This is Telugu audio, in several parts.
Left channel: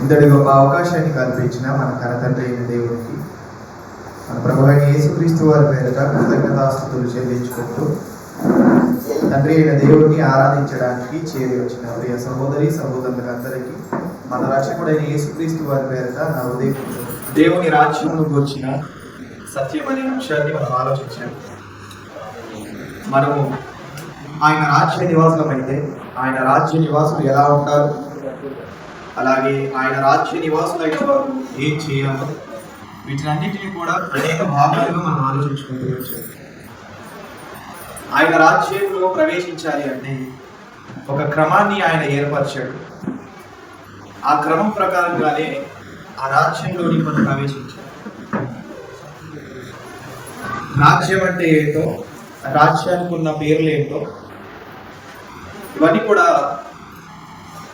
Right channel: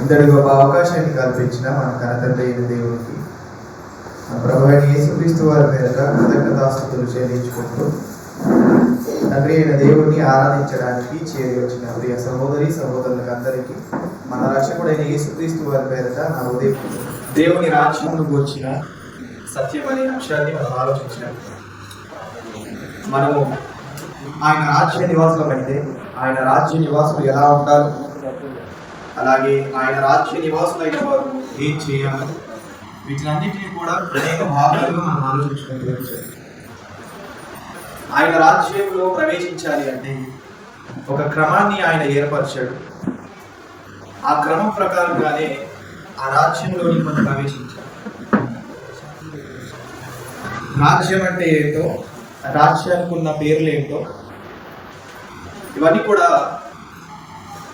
ఇంతటి గొప్ప అవకాశాన్ని కల్పించిన మన కనతండ్రి అయిన దేవునికి, మన ప్రభు అయిన యేసుక్రీస్తు వారి పేరిట కృతజ్ఞతాస్తుతులు చెల్లించుకుంటూ తండ్రి అయిన దేవుడిని ఆరాధించడానికి చేరి వచ్చిన ప్రియ సహోదరి సహోదరులకు అందరికీ మన రక్షకుడైన యేసుక్రీస్తు వారి పేరిట నా హృదయం దేవుని రాజ్యమును గూర్చిన సత్యం అనే అంశాన్ని మనం ఆలోచించాం. మనము ఆయన రాజ్య నివాసులమైతే ఆయన రాజ్య నివాసులు ఎలా ఉంటారు, అలాగే ఆయన రాజ్య నివాసులైన వారు ఏం చేయాలో, వీటినన్నింటినీ కూడా అనేక భాగాలుగా మనం ఆలోచించుకుంటూ వచ్చాం. ఆయన రాజ్యంలో ప్రవేశించాలి అంటే ఒక క్రమాన్ని ఆయన ఏర్పరిచాడు. ఆ క్రమం ప్రకారంగానే ఆ రాజ్యంలోనికి మనం ప్రవేశించాలి. రాజ్యం అంటే ఏంటో, రాజ్యానికి ఉన్న పేర్లు ఏంటో, ఇవన్నీ కూడా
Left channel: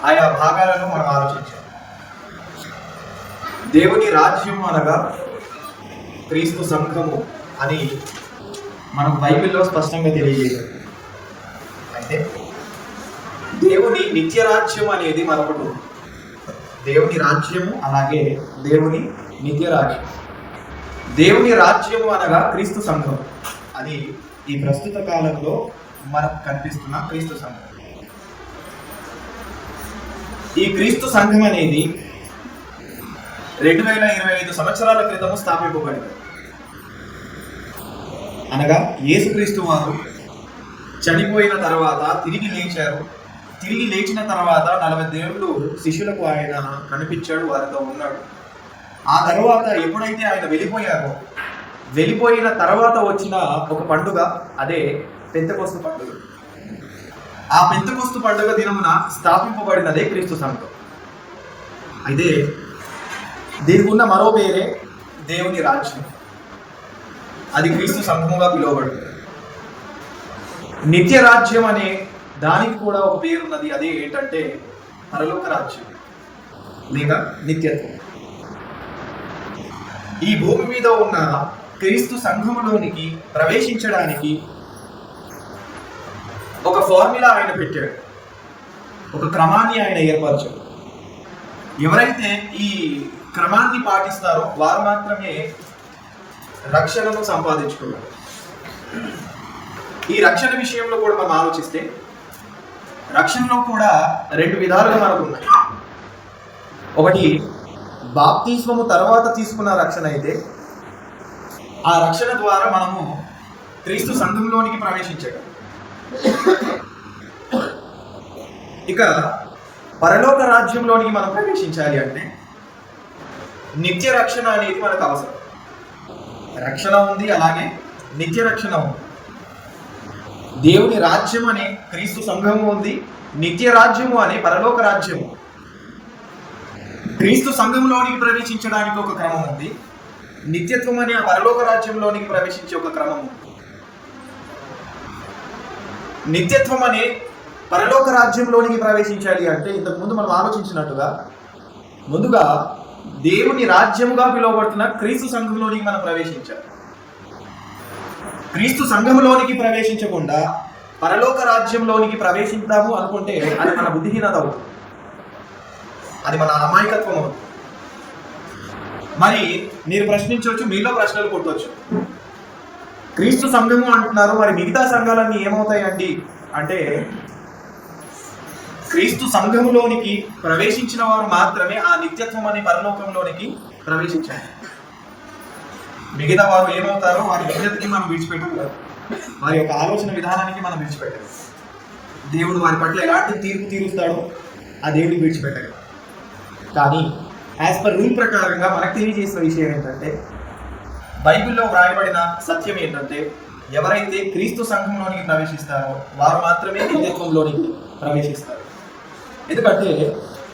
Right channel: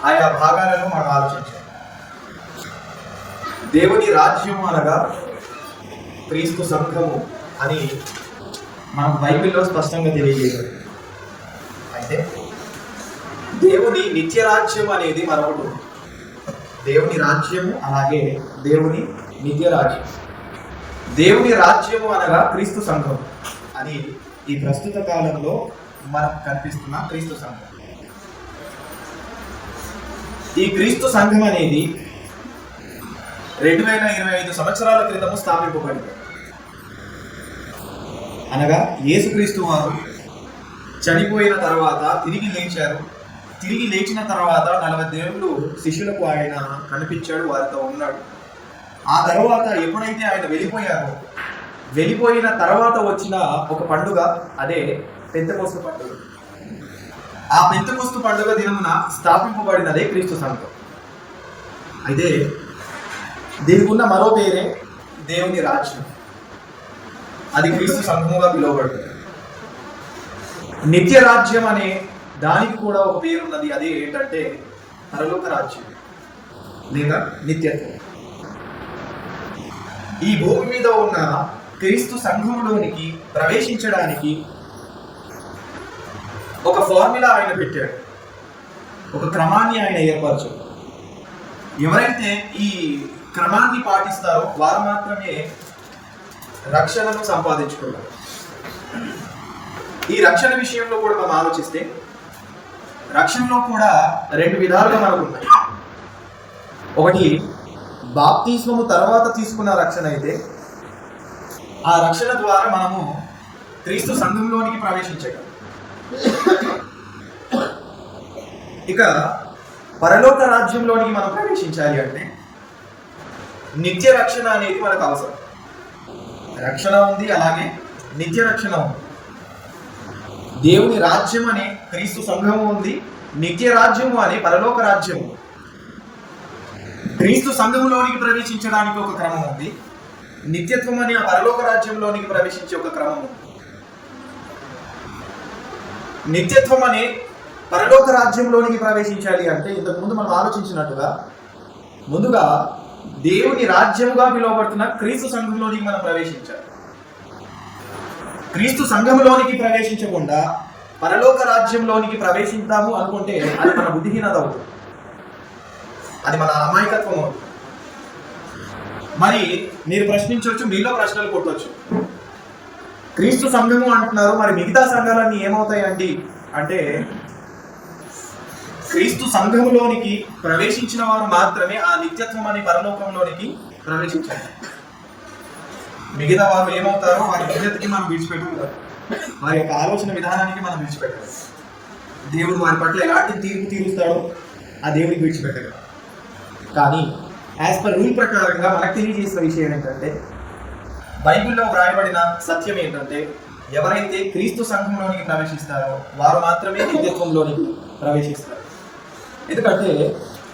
ఆయా భాగాలను మనం ఆలోచించాలి. దేవుని రాజ్యము అనగా క్రీస్తు సంఘము అని మనకు బైబిల్లో స్పష్టంగా తెలియజేశారు. అయితే దేవుని నిత్య రాజ్యం అనేది మరొకటి. దేవుని రాజ్యము అలాగే దేవుని నిత్య రాజ్యం. దేవుని రాజ్యము అనగా క్రీస్తు సంఘం, అది ఈ ప్రస్తుత కాలంలో మనకు కనిపిస్తున్న క్రీస్తు సంఘం. ఈ క్రీస్తు సంఘం అనేది 2025 సంవత్సరాల క్రితము స్థాపింపబడింది. అనగా యేసుక్రీస్తు వారు చనిపోయిన తర్వాత తిరిగి లేచారు. తిరిగి లేచిన తర్వాత 40 ఏళ్ళు శిష్యులకు ఆయన కనిపించాడు, వారితో ఉన్నాడు. ఆ తర్వాత ఎప్పుడైతే ఆయన వెళ్ళిపోయిన తర్వాత వచ్చిన ఒక పండుగ, అదే పెంతెకొస్తు పండుగ. ఆ పెంతెకొస్తు పండుగ దినమున స్థాపింపబడినదే క్రీస్తు సంఘం. అయితే దీనికి ఉన్న మరో పేరే దేవుని రాజ్యం. అది క్రీస్తు సంఘముగా పిలువబడుతుంది. నిత్య రాజ్యం అనే దానికి కూడా ఒక పేరు ఉన్నది. అదే ఏంటంటే పరలోక రాజ్యం లేక నిత్యత్వం. ఈ భూమి మీద ఉన్న క్రీస్తు సంఘములోనికి ప్రవేశించడానికి ఒక ఫార్ములా ఆయన పెట్టాడు, ఒక క్రమాన్ని ఆయన ఏర్పరచాడు. ఎవరైతే ఈ క్రమాన్ని పాటిస్తారో వారు మాత్రమే రక్షణను సంపాదించుకున్నారు. ఈ రక్షణ విషయంలో కూడా మనం ఆలోచిస్తే రక్షణలో కూడా 2 విధాలుగా మనకు ఉన్నాయి. ఒకటి బాప్తిస్మము తర్వాత తీసుకున్న రక్షణ అయితే, ఆ రక్షణ ద్వారా మనము క్రీస్తు సంఘంలోనికి ప్రవేశించగలం. ఇక పరలోక రాజ్యంలోనికి మనం ప్రవేశించాలి అంటే నిత్య రక్షణ అనేది మనకు అవసరం. రక్షణ ఉంది, అలాగే నిత్య రక్షణ ఉంది. దేవుని రాజ్యం అనే క్రీస్తు సంఘము ఉంది, నిత్య రాజ్యము అనే పరలోక రాజ్యము. క్రీస్తు సంఘములోనికి ప్రవేశించడానికి ఒక క్రమం ఉంది, నిత్యత్వం అనే ఆ పరలోక రాజ్యంలోనికి ప్రవేశించే ఒక క్రమం ఉంది. నిత్యత్వం అనే పరలోక రాజ్యంలోనికి ప్రవేశించాలి అంటే ఇంతకుముందు మనం ఆలోచించినట్టుగా ముందుగా దేవుని రాజ్యముగా పిలువబడుతున్న క్రీస్తు సంఘంలోనికి మనం ప్రవేశించాలి. క్రీస్తు సంఘంలోనికి ప్రవేశించకుండా పరలోక రాజ్యంలోనికి ప్రవేశిద్దాము అనుకుంటే అది మన బుద్ధిహీనత అవుతుంది, అది మన అమాయకత్వం అవుతుంది. మరి మీరు ప్రశ్నించవచ్చు, మీలో ప్రశ్నలు కొట్టవచ్చు. క్రీస్తు సంఘము అంటున్నారు, మరి మిగతా సంఘాలన్నీ ఏమవుతాయి అండి అంటే, క్రీస్తు సంఘములోనికి ప్రవేశించిన వారు మాత్రమే ఆ నిత్యత్వం అనే పరలోకంలోనికి ప్రవేశించారు. మిగతా వారు ఏమవుతారో వారి విజ్ఞతకి మనం విడిచిపెట్టగలం, వారి యొక్క ఆలోచన విధానానికి మనం విడిచిపెట్టగలం. దేవుడు వారి పట్ల ఎలాంటి తీర్పు తీరుస్తాడో ఆ దేవుడికి విడిచిపెట్టగలం. కానీ యాజ్ పర్ రూల్ ప్రకారంగా మనకు తెలియజేసిన విషయం ఏంటంటే, బైబిల్లో వ్రాయబడిన సత్యం ఏంటంటే, ఎవరైతే క్రీస్తు సంఘంలోనికి ప్రవేశిస్తారో వారు మాత్రమే నిత్యత్వంలోనికి ప్రవేశిస్తారు. ఎందుకంటే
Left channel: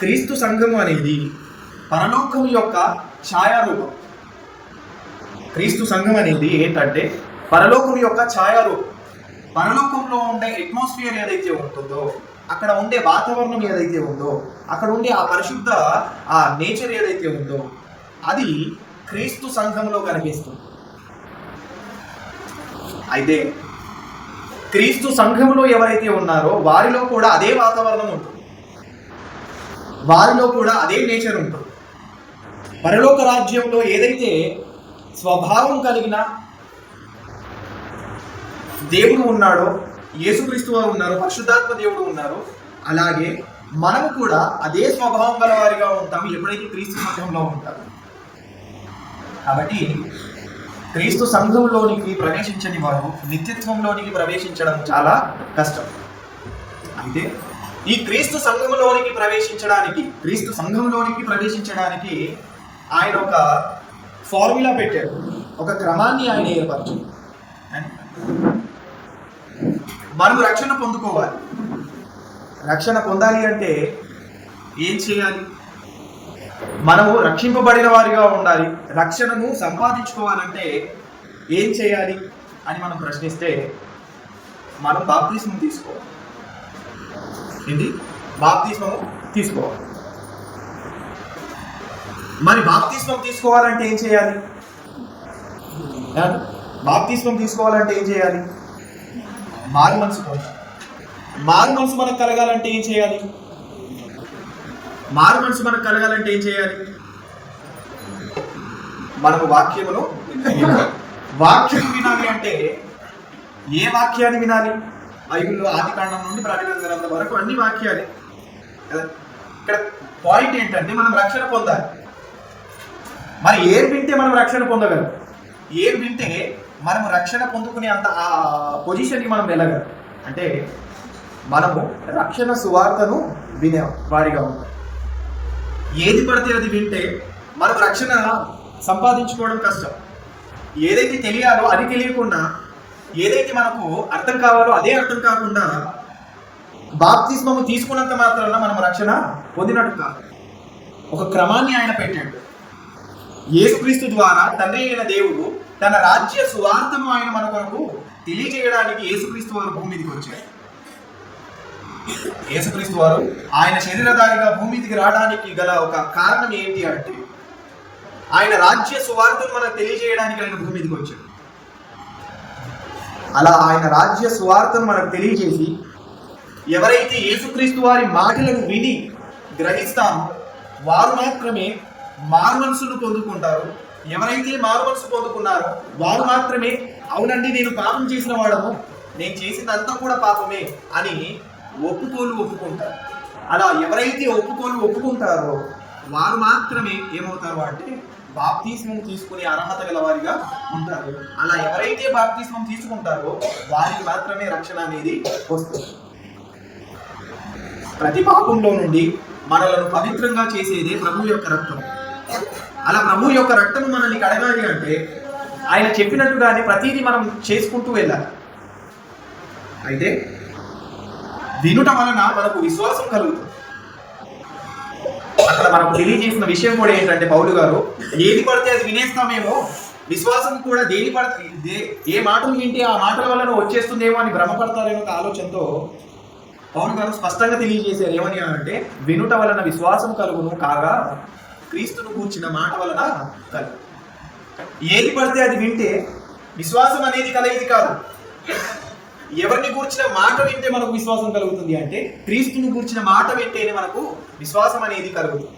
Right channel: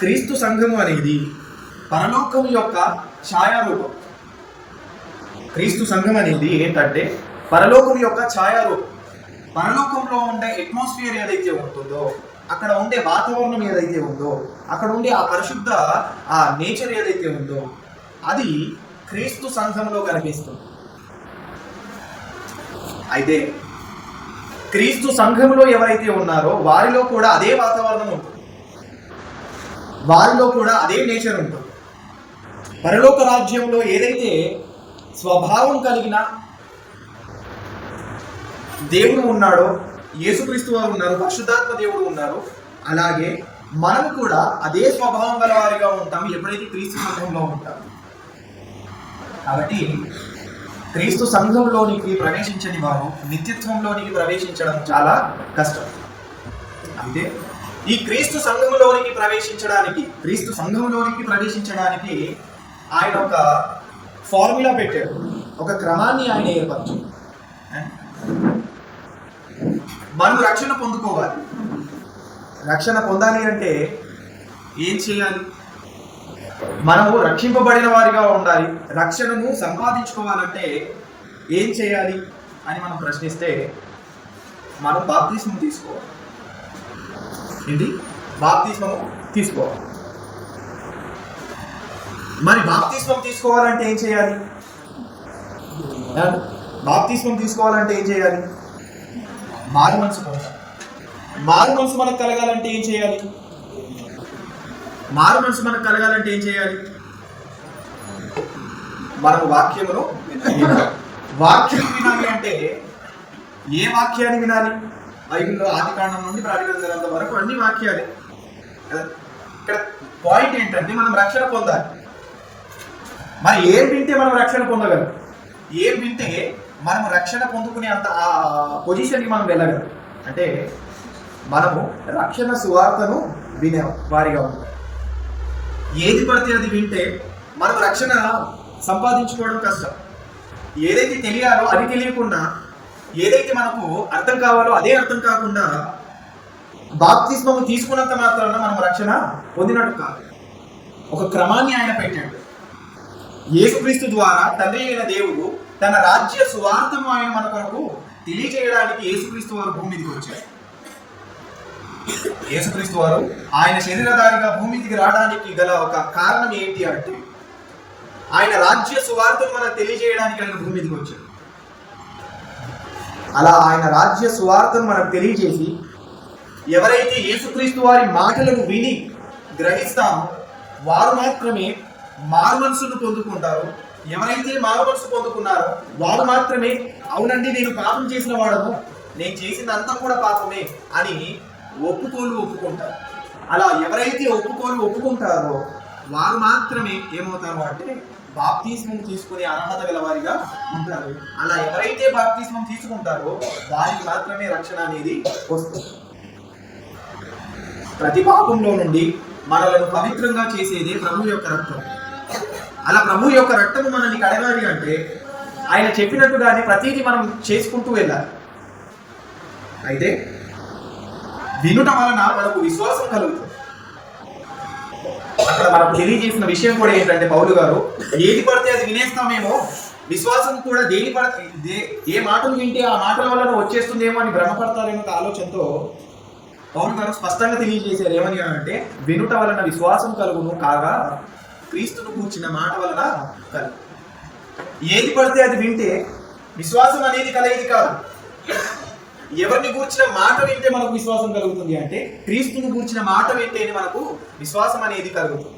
క్రీస్తు సంఘము అనేది పరలోకం యొక్క ఛాయారూపం. క్రీస్తు సంఘం అనేది ఏంటంటే పరలోకం యొక్క ఛాయారూపం. పరలోకంలో ఉండే అట్మాస్ఫియర్ ఏదైతే ఉంటుందో, అక్కడ ఉండే వాతావరణం ఏదైతే ఉందో, అక్కడ ఉండే ఆ పరిశుద్ధ ఆ నేచర్ ఏదైతే ఉందో, అది క్రీస్తు సంఘంలో కనిపిస్తుంది. అయితే క్రీస్తు సంఘంలో ఎవరైతే ఉన్నారో వారిలో కూడా అదే వాతావరణం ఉంటుంది. వారిలో కూడా అదే నేచర్ ఉంటుంది. పరలోక రాజ్యంలో ఏదైతే స్వభావం కలిగిన దేవుడు ఉన్నాడో, యేసుక్రీస్తు వారు ఉన్నారు, పరిశుద్ధాత్మ దేవుడు ఉన్నారు, అలాగే మనము కూడా అదే స్వభావం గల వారిగా ఉంటాము ఎప్పుడైతే క్రీస్తు సంఘంలో ఉంటాము. కాబట్టి క్రీస్తు సంఘంలోనికి ప్రవేశించని వారు నిత్యత్వంలోనికి ప్రవేశించడం చాలా కష్టం. అయితే ఈ క్రీస్తు సంఘంలోనికి ప్రవేశించడానికి ఆయన ఒక ఫార్ములా పెట్టాడు, ఒక క్రమాన్ని ఆయన ఏర్పరిచాడు. మనము రక్షణ పొందుకోవాలి. రక్షణ పొందాలి అంటే ఏం చేయాలి? మనము రక్షింపబడిన వారిగా ఉండాలి. రక్షణను సంపాదించుకోవాలంటే ఏం చేయాలి అని మనం ప్రశ్నిస్తే మనం బాప్తిస్మం తీసుకోవాలి. ఏంటి? బాప్తిస్మము తీసుకోవాలి. మరి బాప్తిస్మం తీసుకోవాలంటే ఏం చేయాలి? బాప్తిస్మం తీసుకోవాలంటే ఏం చేయాలి? మారు మనసు పొందాలి. మారు మనసు మనకు కలగాలంటే ఏం చేయాలి? మనము వాక్యమును వినాలి. అంటే ఏ వాక్యాన్ని వినాలి? బైబిల్లో ఆదికాండం నుండి ప్రకటన గ్రంథం వరకు అన్ని వాక్యాలే. ఇక్కడ పాయింట్ ఏంటంటే మనం రక్షణ పొందాలి. మరి ఏం వింటే మనం రక్షణ పొందగలం? ఏం వింటే మనము రక్షణ పొందుకునే అంత ఆ పొజిషన్కి మనం వెళ్ళగలం అంటే మనము రక్షణ సువార్తను వినే వారిగా ఉంటాం. ఏది పడితే అది వింటే మనం రక్షణ సంపాదించుకోవడం కష్టం. ఏదైతే తెలియాలో అది తెలియకుండా, ఏదైతే మనకు అర్థం కావాలో అదే అర్థం కాకుండా బాప్తిస్మము తీసుకున్నంత మాత్రాన మనం రక్షణ పొందినట్టు కాదు. ఒక క్రమాన్ని ఆయన పెట్టాడు. యేసుక్రీస్తు ద్వారా తండ్రి అయిన దేవుడు తన రాజ్య సువార్తను ఆయన మన కొరకు తెలియజేయడానికి యేసుక్రీస్తు వారు భూమి మీదకి వచ్చారు. యేసుక్రీస్తు వారు ఆయన శరీరధారిగా భూమి మీదకి రావడానికి గల ఒక కారణం ఏంటి అంటే ఆయన రాజ్య సువార్తను మనకు తెలియజేయడానికి ఆయన భూమి మీదకి వచ్చాడు. అలా ఆయన రాజ్య సువార్తను మనకు తెలియజేసి ఎవరైతే యేసుక్రీస్తు వారి మాటలను విని గ్రహిస్తారో వారు మాత్రమే మారు మనసును పొందుకుంటారు. ఎవరైతే మారు మనసు పొందుకున్నారో వారు మాత్రమే అవునండి నేను పాపం చేసిన వాడను, నేను చేసిందంతా కూడా పాపమే అని ఒప్పుకుంటారు. అలా ఎవరైతే ఒప్పుకుంటారో వారు మాత్రమే ఏమవుతారు అంటే బాప్తిస్మం తీసుకునే అర్హత గల వారిగా ఉంటారు. అలా ఎవరైతే బాప్తిస్మం తీసుకుంటారో వారికి మాత్రమే రక్షణ అనేది వస్తుంది. ప్రతి పాపంలో నుండి మనలను పవిత్రంగా చేసేదే ప్రభు యొక్క రక్తం. అలా ప్రభు యొక్క రక్తము మనల్ని కడగాలి అంటే ఆయన చెప్పినట్టుగానే ప్రతిదీ మనం చేసుకుంటూ వెళ్ళాలి. అయితే వినుట వలన మనకు విశ్వాసం కలుగుతుంది. అక్కడ మనకు తెలియజేసిన విషయం కూడా ఏంటంటే పౌలు గారు ఏది పడితే అది వినేస్తామేమో, విశ్వాసం కూడా ఏ మాటలు వింటే ఆ మాటల వలన వచ్చేస్తుందేమో అని భ్రమపడతారేమో ఒక ఆలోచనతో పౌలు గారు స్పష్టంగా తెలియజేశారు. ఏమని అంటే వినుట వలన విశ్వాసం కలుగును కాగా క్రీస్తును కూర్చిన మాట వలన కలుగు. ఏది పడితే అది వింటే విశ్వాసం అనేది కలిగేది కాదు. ఎవరిని కూర్చిన మాట వింటే మనకు విశ్వాసం కలుగుతుంది అంటే క్రీస్తును కూర్చిన మాట వింటేనే మనకు విశ్వాసం అనేది కలుగుతుంది.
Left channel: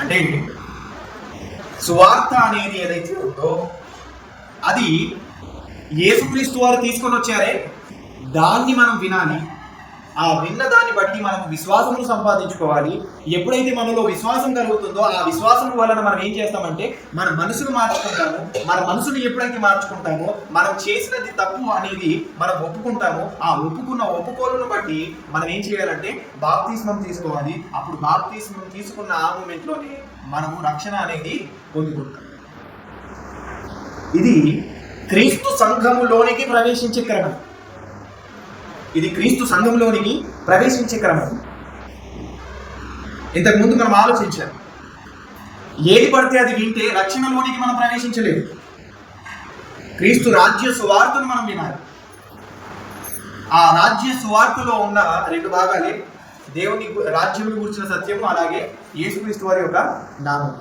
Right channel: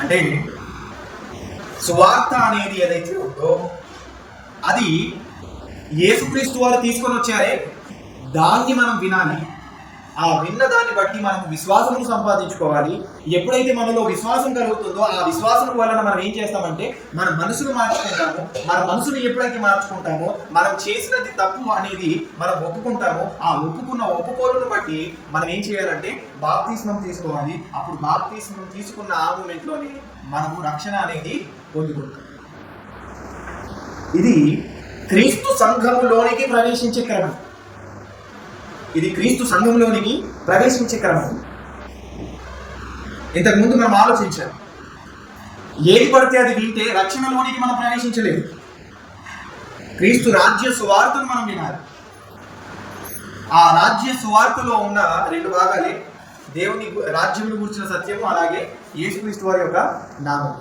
అంటే సువార్త అనేది ఏదైతే ఉందో అది యేసుక్రీస్తు వారు తీసుకొని వచ్చారే దాన్ని మనం వినాలి. ఆ విన్న దాన్ని బట్టి మనం విశ్వాసమును సంపాదించుకోవాలి. ఎప్పుడైతే మనలో విశ్వాసం కలుగుతుందో ఆ విశ్వాసం వలన మనం ఏం చేస్తామంటే మన మనసును మార్చుకుంటాము. మన మనసును ఎప్పుడైతే మార్చుకుంటామో మనం చేసినది తప్పు అనేది మనం ఒప్పుకుంటామో ఆ ఒప్పుకోలను బట్టి మనం ఏం చేయాలంటే బాప్తిస్మం తీసుకోవాలి. అప్పుడు బాప్తిస్మం తీసుకున్న ఆ మూమెంట్లోనే మనము రక్షణ అనేది పొందుకుంటాం. ఇది క్రీస్తు సంఘములోనికి ప్రవేశించే క్రమం. ఇంతకుముందు మనం ఆలోచించాం. ఏది పడితే అది వింటే రక్షణలోనికి మనం ప్రవేశించలేము. క్రీస్తు రాజ్య సువార్తను మనం వినాలి. ఆ రాజ్య సువార్తలో ఉన్న రెండు భాగాలే దేవుని రాజ్యమును గురించిన సత్యము, అలాగే యేసుక్రీస్తు వారి యొక్క నామం.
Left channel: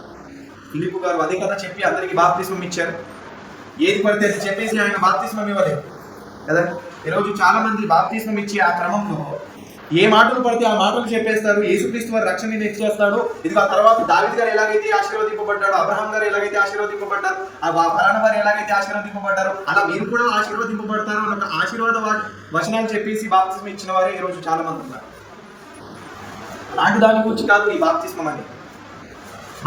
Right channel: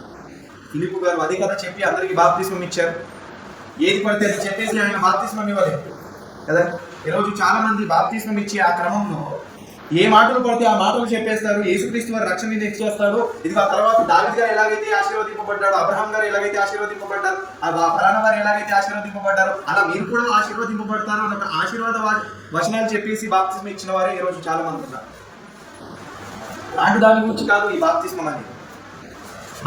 ఫిలిప్పు గారు అదే కదా చెప్పి అందరికీ బాప్తిస్మం ఇచ్చారు. ఏది పడితే అది చెప్పేసి ఆయన బాప్తిస్మం ఇవ్వలేదు కదా. ఈరోజు చాలా మంది బాప్తిస్మం ఇచ్చే ఆ క్రమంలో ఏ మాటలు పడితే ఆ మాటలు చెప్పేస్తారు. యేసుక్రీస్తు వారు రక్షణ చేస్తాడు. ఇది ఆ తర్వాత దావీదు గారు ఎలాగైతే ఆశీర్వదింపబడ్డాడు, అబ్రహాం గారు ఎలాగైతే ఆశీర్వదింపబడ్డారు, ఆ ఫలానా వారు ఎలాగైతే ఆశీర్వదింపబడ్డారు, అలా మీరు కూడా ఆశీర్వదింపబడతారు అని ఒక ఆశీర్వాద వచనాలు చెప్పేసి బాప్తిస్మం ఇచ్చిన వారే ఈ రోజు చాలా మంది ఉన్నారు. అలాంటి దాని గురించి కాదు ఈ బాప్తిస్మం అనేది.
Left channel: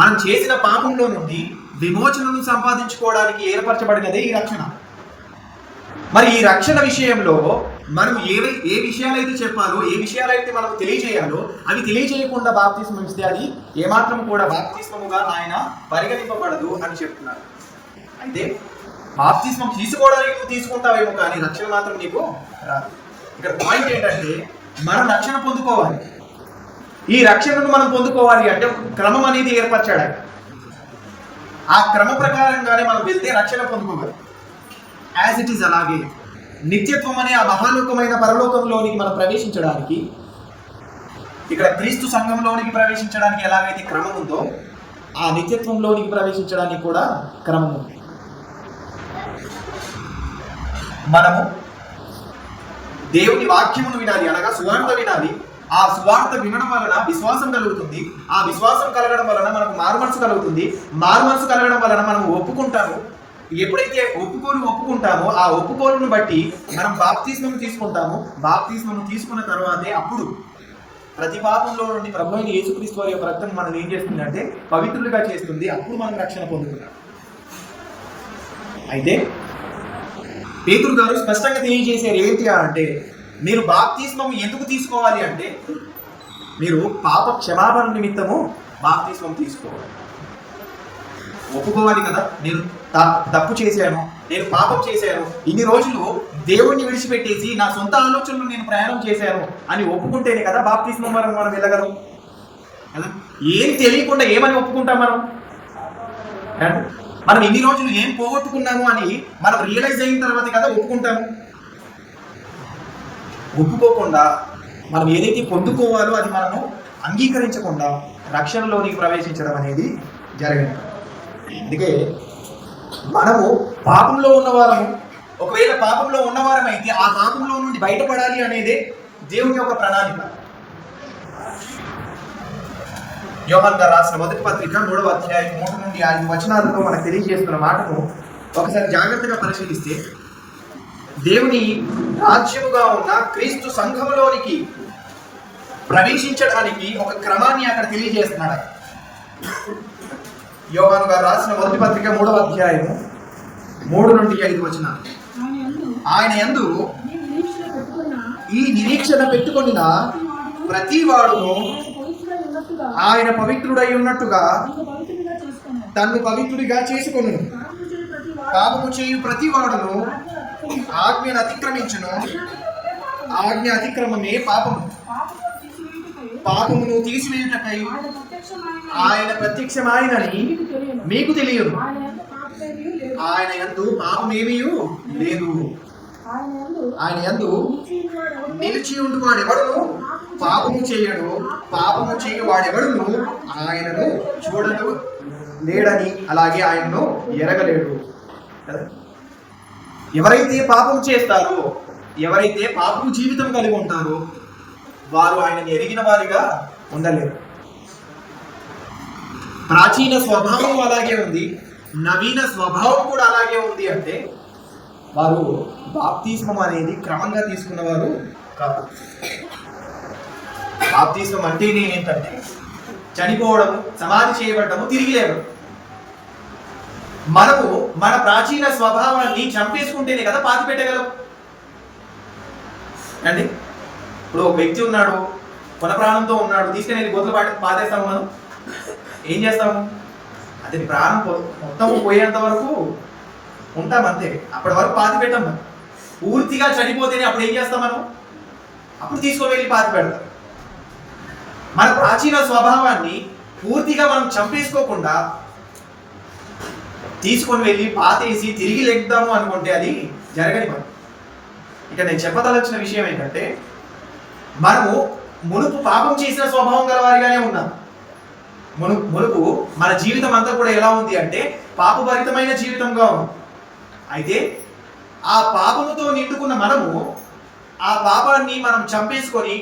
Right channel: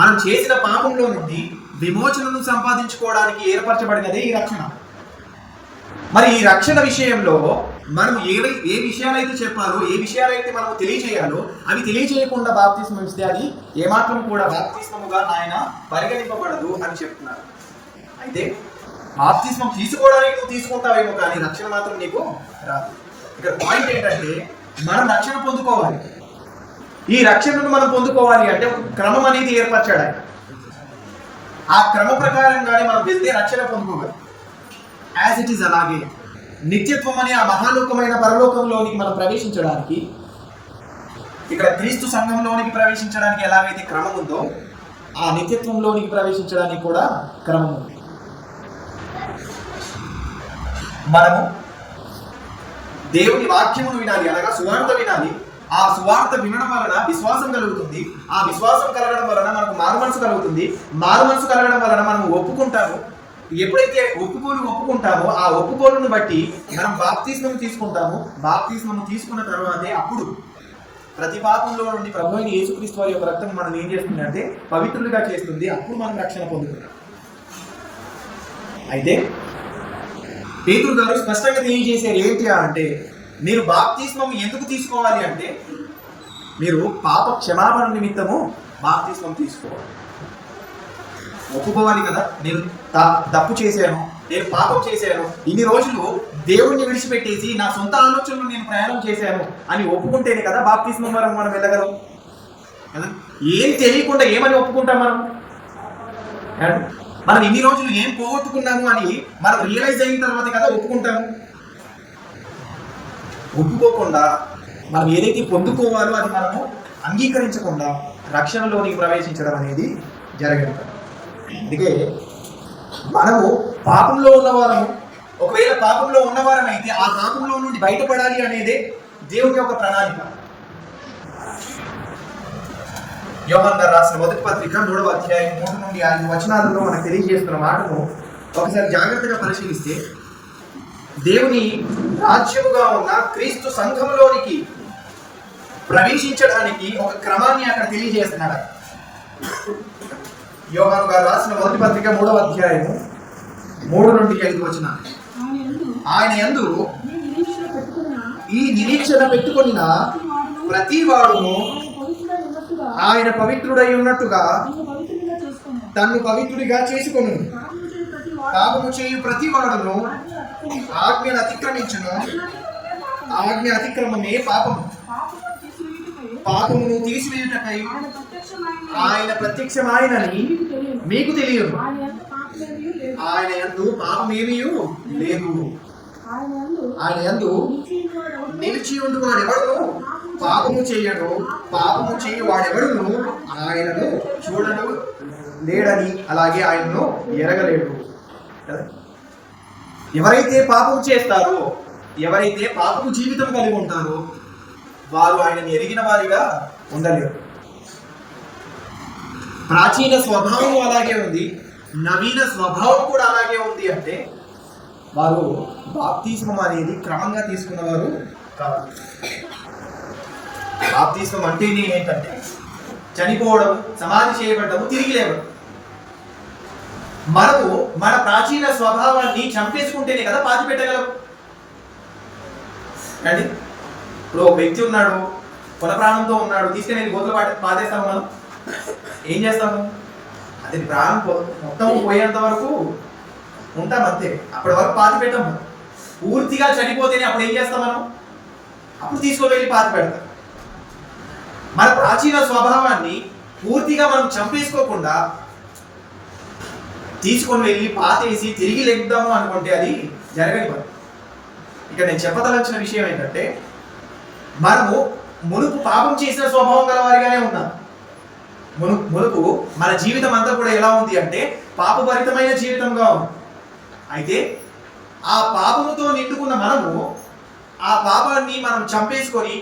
మనం చేసిన పాపంలో నుండి విమోచనను సంపాదించుకోవడానికి ఏర్పరచబడినదే ఈ రక్షణ. మరి ఈ రక్షణ విషయంలో మనం ఏ విషయాలైతే చెప్పాలో, ఏ విషయాలైతే మనం తెలియజేయాలో అవి తెలియజేయకుండా బాప్తిస్మం ఇస్తే అది ఏమాత్రం కూడా బాప్తిస్మముగా ఆయన పరిగణింపబడదు అని చెప్తున్నారు. అయితే బాప్తిస్మం తీసుకోవడానికి నువ్వు తీసుకుంటావేమో కానీ రక్షణ మాత్రం నీకు రాదు. ఇక్కడ పాయింట్ ఏంటంటే మనం రక్షణ పొందుకోవాలి. ఈ రక్షణను మనం పొందుకోవాలి అంటే ఒక క్రమం అనేది ఏర్పరచాడు ఆయన. ఆ క్రమ ప్రకారంగానే మనం వెళ్తే రక్షణ పొందుకోవాలి. యాజ్ ఇట్ ఈస్ అలాగే నిత్యత్వం అనే ఆ మహాలోకమైన పరలోకంలోనికి మనం ప్రవేశించడానికి, ఇక్కడ క్రీస్తు సంఘంలోనికి ప్రవేశించడానికి ఎలాగైతే క్రమం ఉందో ఆ నిత్యత్వంలోనికి ప్రవేశించడానికి కూడా క్రమం ఉంది. మనము దేవుని వాక్యమును వినాలి, అనగా సువార్త వినాలి. ఆ సువార్త వినడం వలన విశ్వాసం కలుగుతుంది. ఆ విశ్వాసం కలగడం వలన మనకు మారుమనసు కలుగుతుంది. మారుమనసు కలగడం వలన మనం ఒప్పుకుంటాము. ఎప్పుడైతే ఒప్పుకుంటామో ఆ ఒప్పుకోలును బట్టి మనం బాప్తిస్మం తీసుకుంటాము. బాప్తిస్మం తీసుకున్న తర్వాతే అప్పుడు ప్రతి పాపంలో నుండి ప్రభు అయిన యేసుక్రీస్తు వారి యొక్క రక్తం మనం ఏం చేస్తుందంటే పవిత్రులుగా చేస్తుంది. అప్పుడు మనం రక్షణ పొందుతున్నాం. అయితే పేతురు గారు స్పష్టంగా తెలియజేశారు ఏంటి అంటే, మీరు బాప్తిస్మం ఎందుకు తీసుకోవాలి అంటే మీరు పాప క్షమాపణ నిమిత్తము బాప్తిస్మం తీసుకోవాలి. ఒప్పుకోవాలి కదా, నేను తప్పు చేశాను, నేను పాపం చేశాను, ఇన్ని రోజులు దేవుణ్ణి విడిచిపెట్టేసి నా సొంత ఆలోచనలు నేను ప్రయాణం చేశాను అని ఒప్పుకుంటేనే కదా బాప్తిస్మం వరకు మనం వెళ్ళగలం కదా. ఏం తెలియకుండా ఏమని ఒప్పుకుంటాం మనం ఇన్ని రోజులు ఏం పోగొట్టుకున్నాము అని మనం రియలైజ్ అయిన తర్వాత కదా ఒప్పుకుంటాము. ఒప్పుకోకుండా మనం ఏదైతే పొందుకోవాలో అది మనము అంగీకరించకుండా రక్షణలోనికి ప్రవేశించడం అనేది జరగదు. అందుకే మనము పాపంలో ఉన్నవారము, ఒకవేళ పాపంలో ఉన్నవారమైతే ఆ పాపంలో నుండి బయటపడాలి అనేదే దేవుని యొక్క ప్రణాళిక. యోహాను గారు రాసిన మొదటి పత్రిక 3వ అధ్యాయం 3 నుండి 5 వచనాలలో మనకు తెలియజేస్తున్న మాటను ఒకసారి జాగ్రత్తగా పరిశీలిస్తే, దేవుని రాజ్యముగా ఉన్న క్రీస్తు సంఘములోనికి ప్రవేశించడానికి ఒక క్రమాన్ని అక్కడ తెలియజేస్తున్నాడు. యోహాను గారు రాసిన మొదటి పత్రిక 3వ అధ్యాయము 3 నుండి 5 వచనాలు. ఆయన యందు ఈ నిరీక్షణ పెట్టుకొనిన ప్రతి వాడును ఆయన పవిత్రుడై ఉన్నట్టుగా తన్ను పవిత్రుడిగా చేసుకొను. పాపము చేయు ప్రతి వాడును ఆజ్ఞను అతిక్రమించును. ఆజ్ఞ అతిక్రమమే పాపము. పాపమును తీసివేయుటకై ఆయన ప్రత్యక్షమాయనని మీకు తెలియదు. ఆయన యందు పాపమేమీయు లేదు. ఆయన యందు నిలిచి ఉండు వాడెవడును పాపము చేయడు. పాపము చేయు వాడెవడును ఆయనను చూడను లేడని, అలాగే ఆయనను ఎరగలేడు. ఎవరైతే పాపం చేస్తారో, ఎవరైతే పాపము జీవితం కలిగి ఉంటారో వారు ఆయనని ఎరిగిన వారిగా ఉండలేరు. ప్రాచీన స్వభావం అలాగే ఉంది, నవీన స్వభావం కూడా అలాగే ఉంది. అంటే వారు బాప్తిస్మం అనేది క్రమంగా తీసుకున్నవారు కాదు. బాప్తిస్మం అంటేనే ఏంటంటే చనిపోవడము, సమాధి చేయబడము, తిరిగి లేవడం. మనము మన ప్రాచీన స్వభావాన్ని చంపేసుకుంటేనే కదా పాతి పెట్టగలం అండి. ఇప్పుడు ఒక వ్యక్తి ఉన్నాడు, కొన ప్రాణంతో ఉన్నాడు, తీసుకుని గోతులు పాతేస్తాము. మనం ఏం చేస్తాము? అతని ప్రాణం మొత్తము పోయేంత వరకు ఉంటాం అంతే. అప్పటి వరకు పాతి పెట్టాం. మనం పూర్తిగా చనిపోతేనే అప్పుడు ఏం చేస్తాం? మనం అప్పుడు తీసుకువెళ్ళి పాతి పెడతాం. మన ప్రాచీన స్వభావాన్ని పూర్తిగా మనం చంపేసుకోకుండా తీసుకొని వెళ్ళి పాతేసి తిరిగి లెగ్దాము అనుకుంటే అది జరగని పని. ఇక నేను చెప్పదలచిన విషయం ఏంటంటే, మనము మునుపు పాపం చేసిన స్వభావం గలవారిగానే ఉన్నాం. మునుపు మన జీవితం అంతా కూడా ఎలా ఉంది అంటే పాపభరితమైన జీవితంగా ఉంది. అయితే ఆ పాపముతో నిండుకున్న మనము ఆ పాపాన్ని మనం చంపేసుకొని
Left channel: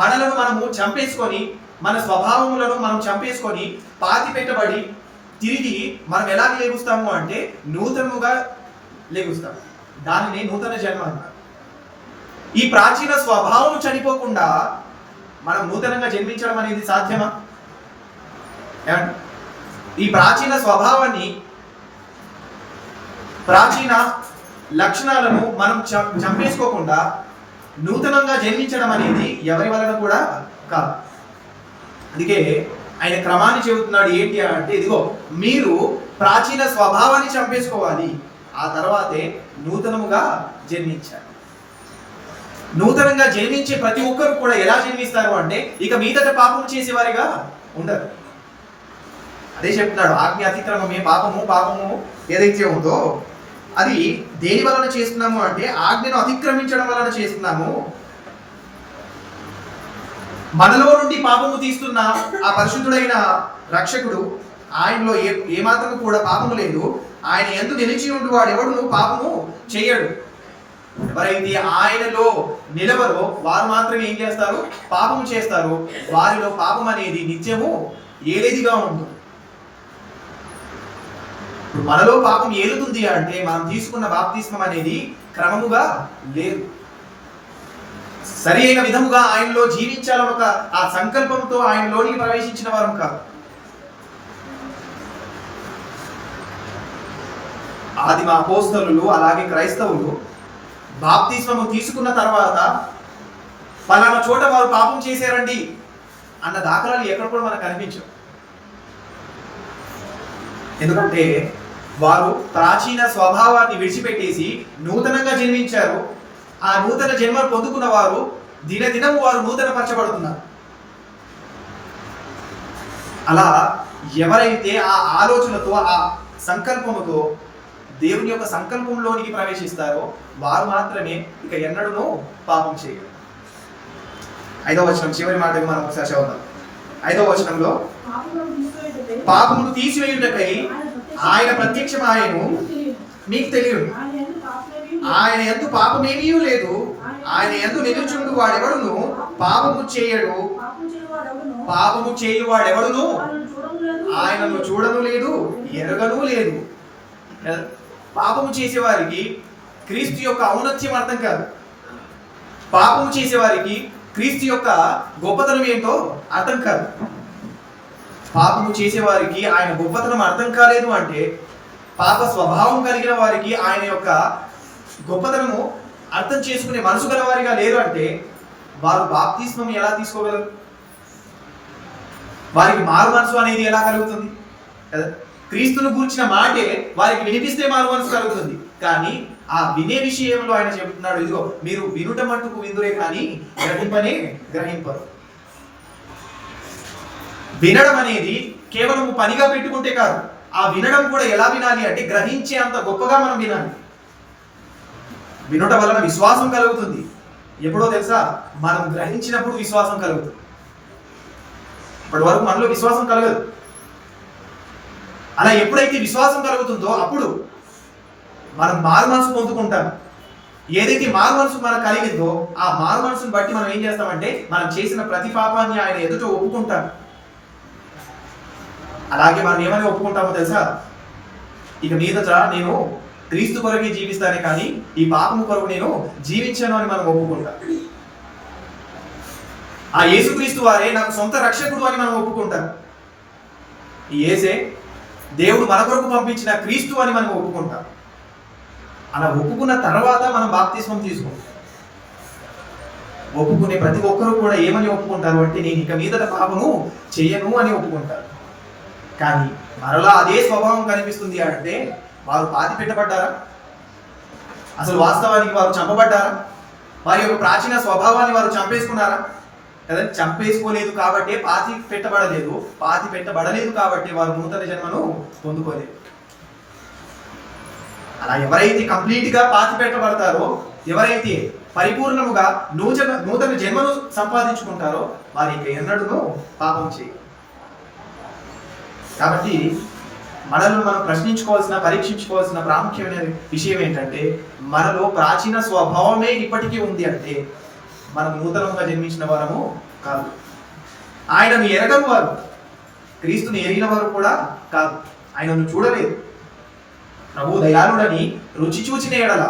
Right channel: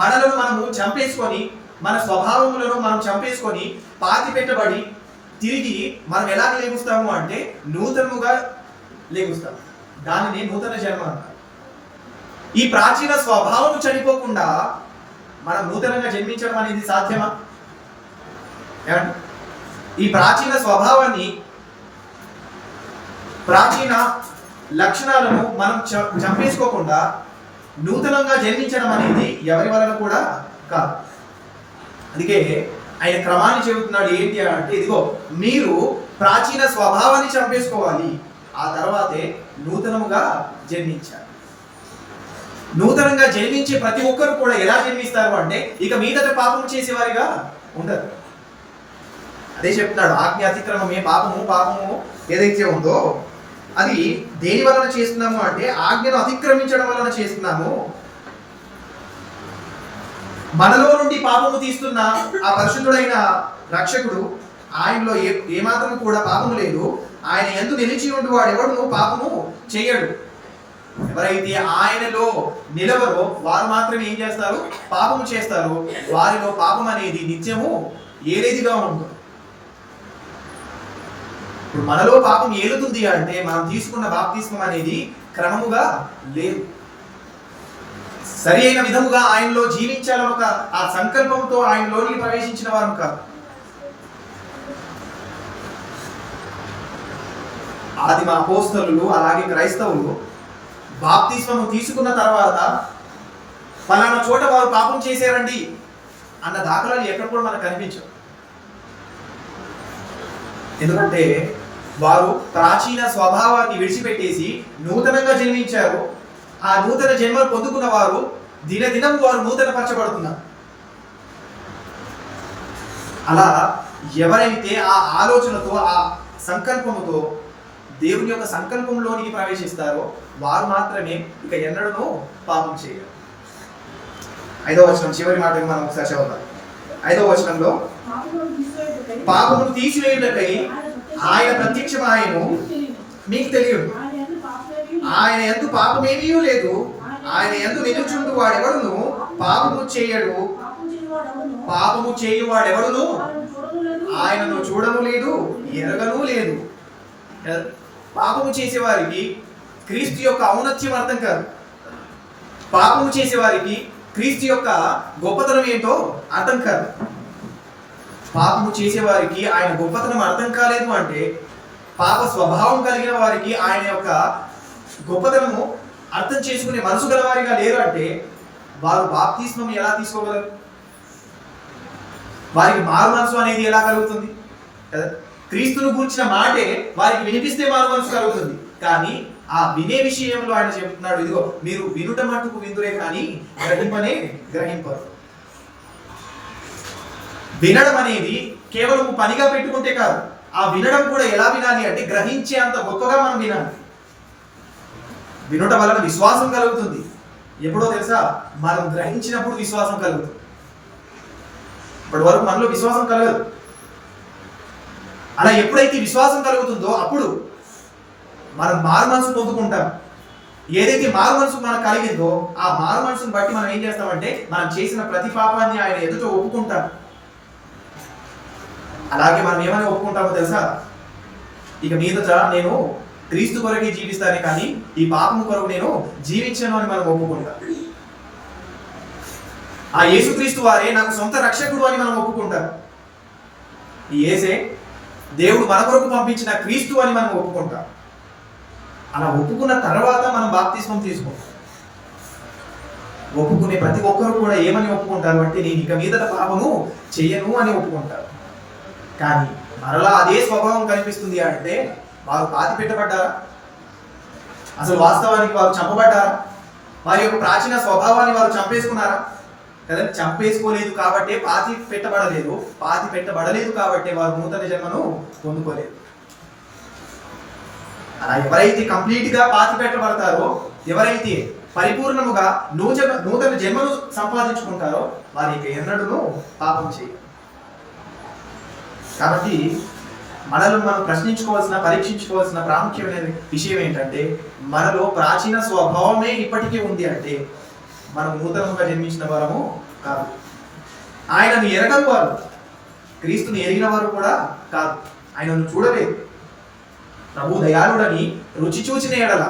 మనలను మనము చంపేసుకొని, మన స్వభావములను మనం చంపేసుకొని పాతి పెట్టబడి తిరిగి మనం ఎలాగ లేగుస్తాము అంటే నూతనముగా లేగుస్తాం. దానిని నూతన జన్మ అంటారు. ఈ ప్రాచీన స్వభావం చనిపోకుండా మనం నూతనంగా జన్మించడం అనేది సాధ్యమా? ఏమండి? ఈ ప్రాచీన స్వభావాన్ని, ప్రాచీన లక్షణాలను మనం చంపేసుకోకుండా నూతనంగా జన్మించడం అనేది ఎవరి వలన కూడా కాదు. అందుకే ఆయన క్రమాన్ని చెబుతున్నాడు. ఏంటి అంటే, ఇదిగో మీరు ప్రాచీన స్వభావాన్ని చంపేసుకోవాలి, ఆ తర్వాతే నూతనముగా జన్మించాలి. నూతనంగా జన్మించే ప్రతి ఒక్కరు కూడా ఎలా జన్మిస్తారు అంటే ఇక మీదట పాపము చేసేవారిగా ఉండరు. అదే చెప్తున్నాడు, ఆజ్ఞ అతిక్రమమే పాపము. పాపము ఏదైతే ఉందో అది దేని వలన చేస్తున్నాము అంటే ఆజ్ఞను అతిక్రమించడం వలన చేస్తున్నాము. మనలో నుండి పాపము తీస్తున్న ఆ పరిశుద్ధుడైన రక్షకుడు, ఆయనలో ఏమాత్రము కూడా పాపము లేదు. ఆయన యందు నిలిచి ఉండి వాడు ఎవడును పాపము చేయడు. ఎవరైతే ఆయనలో నిలవరో వారు మాత్రమే ఏం చేస్తారు? పాపము చేస్తారు. వారిలో పాపం అనేది నిత్యము ఏలేదిగా ఉంటుంది. ఇప్పుడు మనలో పాపం ఏలుతుంది అంటే మనం తీసుకున్న బాప్తిస్మం అనేది క్రమముగా లేదు. సరి అయిన విధముగా ఆయనలో జీవించాలని ఒక ఆ సంకల్పంతో ఆయనలోనికి ప్రవేశించిన వారు కాదు. ఆదిమ అపోస్తలులు అలాగే క్రైస్తవులు బాప్తిస్మము తీసుకున్న తర్వాత పలానా చోట వారు పాపం చేశారండి అన్న దాఖలాలు ఎక్కడ కూడా మనకు కనిపించవు. ఎందుకంటే వారు ప్రాచీన స్వభావాన్ని విడిచిపెట్టేసి నూతనంగా జన్మించారు. ఆ నూతన జన్మను పొందుకున్న వారు దినదినము వారు నూతన పరచబడుతున్నారు. అలా ఎవరైతే ఆ ఆలోచనతో, ఆ సంకల్పముతో దేవుని యొక్క సంకల్పంలోనికి ప్రవేశిస్తారో వారు మాత్రమే ఇక ఎన్నడూ పాపం చేయరు. 5వ వచనం చివరి మాటగా మనం ఒకసారి చదువుతాం. 5వ వచనంలో, పాపమును తీసివేయుటకై ఆయన ప్రత్యక్షమాయెను, మీకు తెలియదు. ఆయన యందు పాపమేమీ లేదు. ఆయన యందు నిలుచుండు వాడెవడును పాపము చేయడు. పాపము చేయువాడెవడును ఆయనను చూడను లేదు, ఎరగను లేదు. పాపము చేసేవారికి క్రీస్తు యొక్క ఔన్నత్యం అర్థం కాదు. పాపము చేసేవారికి క్రీస్తు యొక్క గొప్పతనం ఏంటో అర్థం కాదు. పాపము చేసేవారికి ఆయన గొప్పతనం అర్థం కాలేదు అంటే, పాప స్వభావం కలిగిన వారికి ఆయన యొక్క గొప్పతనము అర్థం చేసుకునే మనసు గలవారిగా లేరు అంటే వారు బాప్తిస్మం ఎలా తీసుకోగలరు? వారికి మారు మనసు అనేది ఎలా కలుగుతుంది కదా? క్రీస్తును గూర్చిన మాటే వారికి వినిపిస్తే మారు మనసు కలుగుతుంది. కానీ ఆ వినే విషయంలో ఆయన చెబుతున్నాడు, ఇదిగో మీరు వినుట మట్టుకు విందురే కానీ గ్రహింపనే గ్రహింపరు. వినడం అనేది కేవలం పనిగా పెట్టుకుంటే కాదు, ఆ వినడం కూడా ఎలా వినాలి అంటే గ్రహించే అంత గొప్పగా మనం వినాలి. వినుట వలన విశ్వాసం కలుగుతుంది. ఎప్పుడో తెలుసా? మనం గ్రహించినప్పుడు విశ్వాసం కలుగుతుంది. ఇప్పటి వరకు మనలో విశ్వాసం కలగదు. అలా ఎప్పుడైతే విశ్వాసం కలుగుతుందో అప్పుడు మనం మారు మనసు పొందుకుంటాం. ఏదైతే మారు మనసు మనకు కలిగిందో ఆ మారు మనసును బట్టి మనం ఏం చేస్తామంటే మనం చేసిన ప్రతి పాపాన్ని ఆయన ఎదుట ఒప్పుకుంటాం. అలాగే మనం ఏమని ఒప్పుకుంటామో తెలుసా? ఇక మీదట నేను క్రీస్తు కొరకే జీవిస్తానే కానీ ఈ పాపము కొరకు నేను జీవించాను అని మనం ఒప్పుకుంటాం. ఆ యేసుక్రీస్తు వారే నాకు సొంత రక్షకుడు అని మనం ఒప్పుకుంటాం. ఈ యేసే దేవుడు మన కొరకు పంపించిన క్రీస్తు అని మనం ఒప్పుకుంటాం. అలా ఒప్పుకున్న తర్వాత మనం బాప్తిస్మం తీసుకుంటాం. ఒప్పుకునే ప్రతి ఒక్కరు కూడా ఏమని ఒప్పుకుంటారు అంటే నేను ఇక మీదట పాపము చెయ్యను అని ఒప్పుకుంటారు. కానీ మరలా అదే స్వభావం కనిపిస్తుంది అంటే వారు పాతి పెట్టబడ్డారా? అసలు వాస్తవానికి వారు చంపబడ్డారా? వారి యొక్క ప్రాచీన స్వభావాన్ని వారు చంపేసుకున్నారా? కదా, చంపేసుకోలేదు కాబట్టే పాతి పెట్టబడలేదు. పాతి పెట్టబడలేదు కాబట్టే వారు నూతన జన్మను పొందుకోలేదు. అలా ఎవరైతే కంప్లీట్గా పాతి పెట్టబడతారో, ఎవరైతే పరిపూర్ణముగా నూతన జన్మను సంపాదించుకుంటారో వారి ఇక ఎన్నడూ పాపం చేయరు. కాబట్టి మనల్ని మనం ప్రశ్నించుకోవాల్సిన, పరీక్షించుకోవాల్సిన ప్రాముఖ్యమైన విషయం ఏంటంటే మనలో ప్రాచీన స్వభావమే ఇప్పటికీ ఉంది అంటే మనం నూతనంగా జన్మించిన వారము కాదు. ఆయనను ఎరగని వారు, క్రీస్తుని ఎరిగిన వారు కూడా కాదు. ఆయనను చూడలేదు. ప్రభు దయాళుడని రుచి చూచిన ఎడల